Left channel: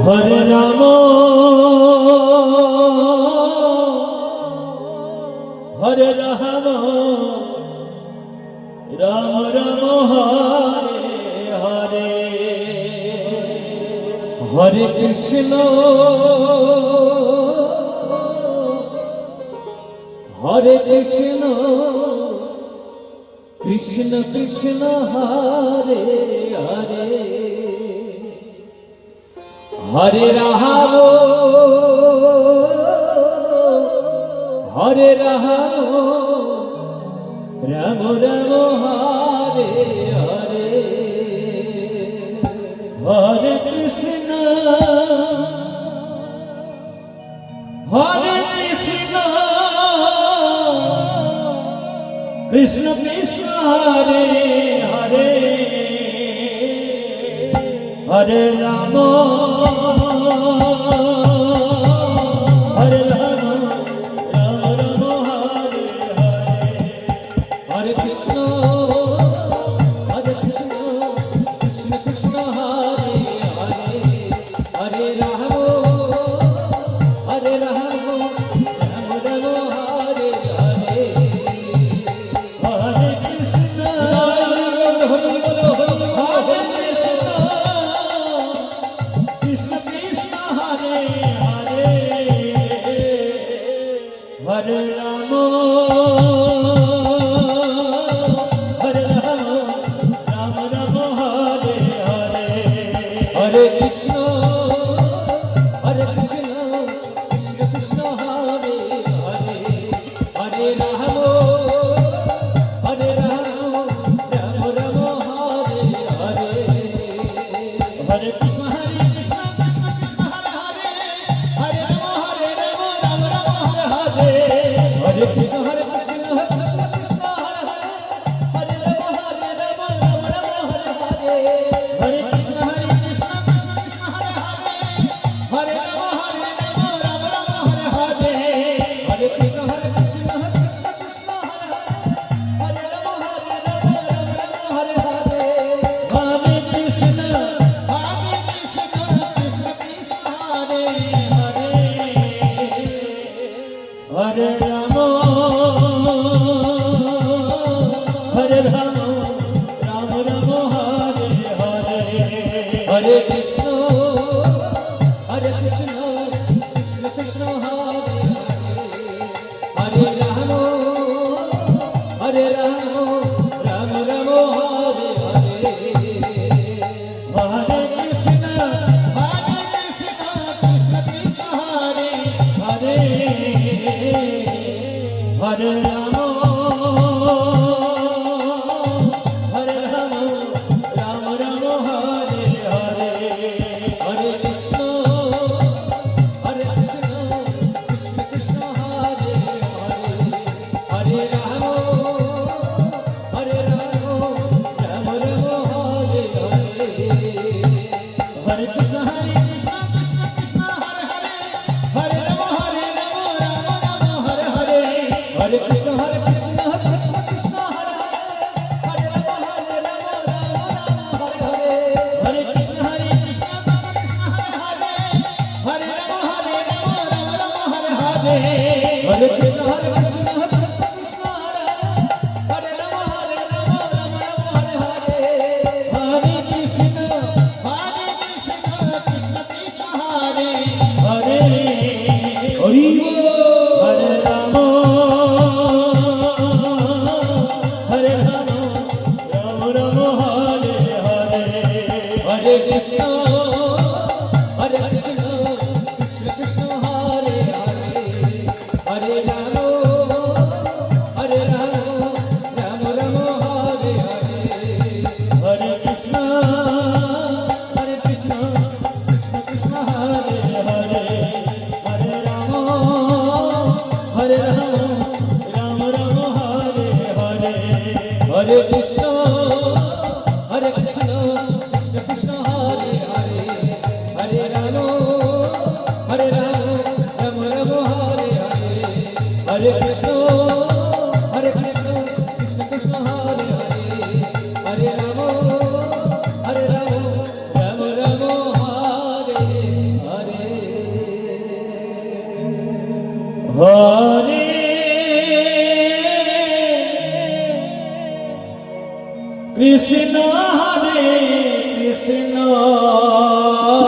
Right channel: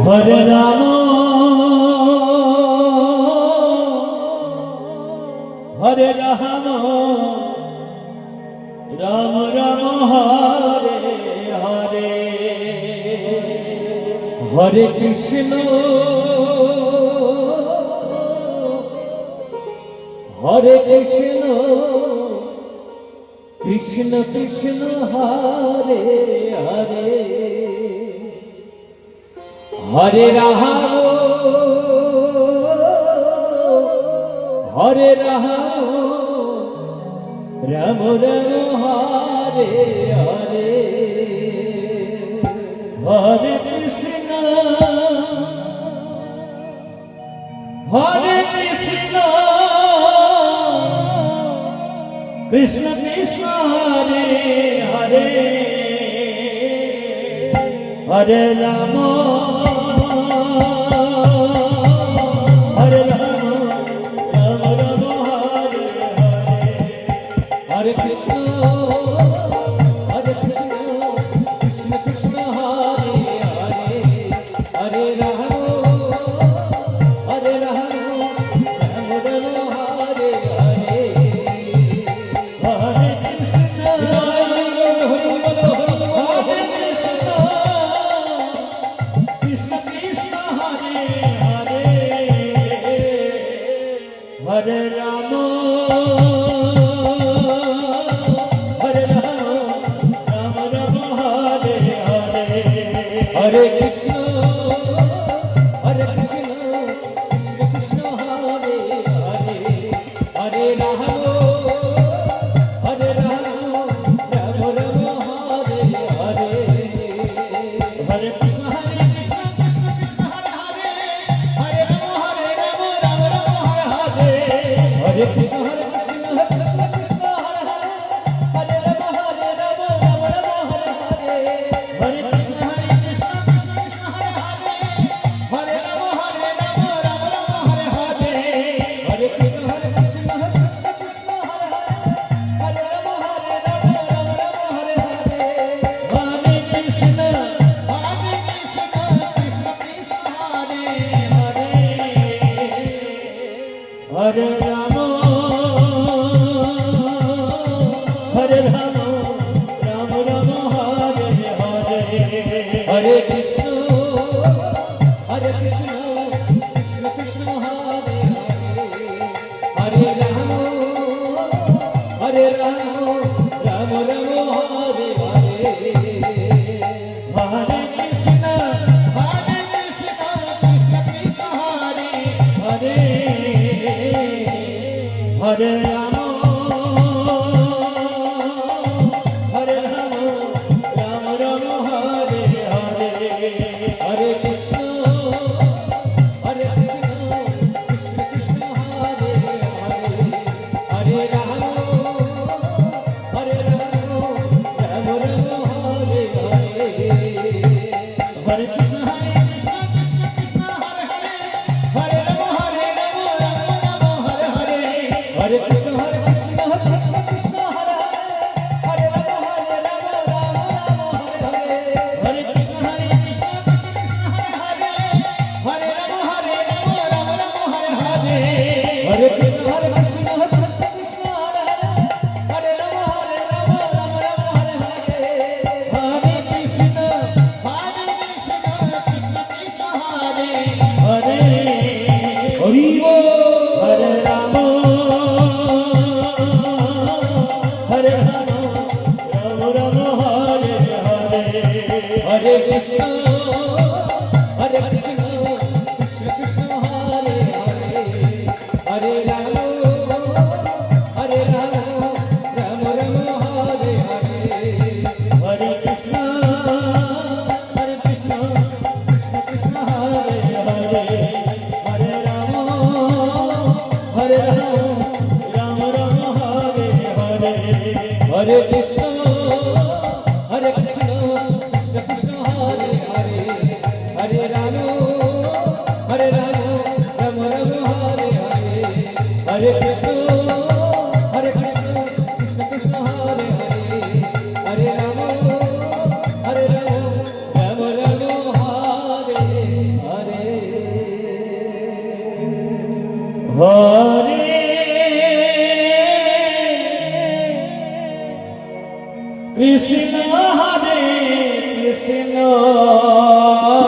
হরে Ram হরে Ram Ram Ram Hare Hare Hare Krishna হরে Krishna Krishna Krishna Hare Hare Hare Ram হরে Ram Ram Ram Hare Hare Hare Krishna Krishna Krishna Hare Hare Hare Ram হরে Ram Ram Ram Hare Hare Hare Krishna Krishna Krishna Hare Hare Hare Ram হরে Ram Ram Ram Hare Hare Hare Krishna Hari বল হরে Krishna Krishna Hare Hare Hare Ram হরে Ram Ram Ram Hare Hare Hare Krishna Krishna Krishna Hare Hare Hare Ram হরে Ram Ram Ram Hare Hare Hare Krishna Krishna Krishna Hare Hare Hare Ram Ram Ram Hare Hare Krishna Krishna Krishna Hare Hare Ram Ram Ram Hare Hare Hare Krishna Krishna Krishna Hare Hare Ram Ram Ram Hare Hare Hare Krishna Krishna Krishna Hare Hare Ram Ram Ram Hare Hare Hare Krishna Krishna Krishna Hare Hare Hare Ram হরে Ram Ram Ram Hare Hare Hare Krishna Krishna Krishna Hare Hare Hare Ram Ram Ram Hare Hare Hare Krishna Krishna Krishna Hare Hare Hare Ram হরে Ram Ram Ram Hare Hare Hare Krishna Krishna Krishna Hare Hare Hare Ram Ram Ram Hare Hare Hare Krishna Krishna Krishna Hare Hare Hare Ram Ram Ram Hare Hare Hare Krishna Krishna Krishna Hare Hare Ram Ram Ram Hare Hare Hare Krishna Krishna হরে Ram Ram Ram Hare Hare Krishna Krishna Krishna Hare Hare Ram Ram Ram Hare Hare Hare Krishna Krishna হরে Krishna হরে Krishna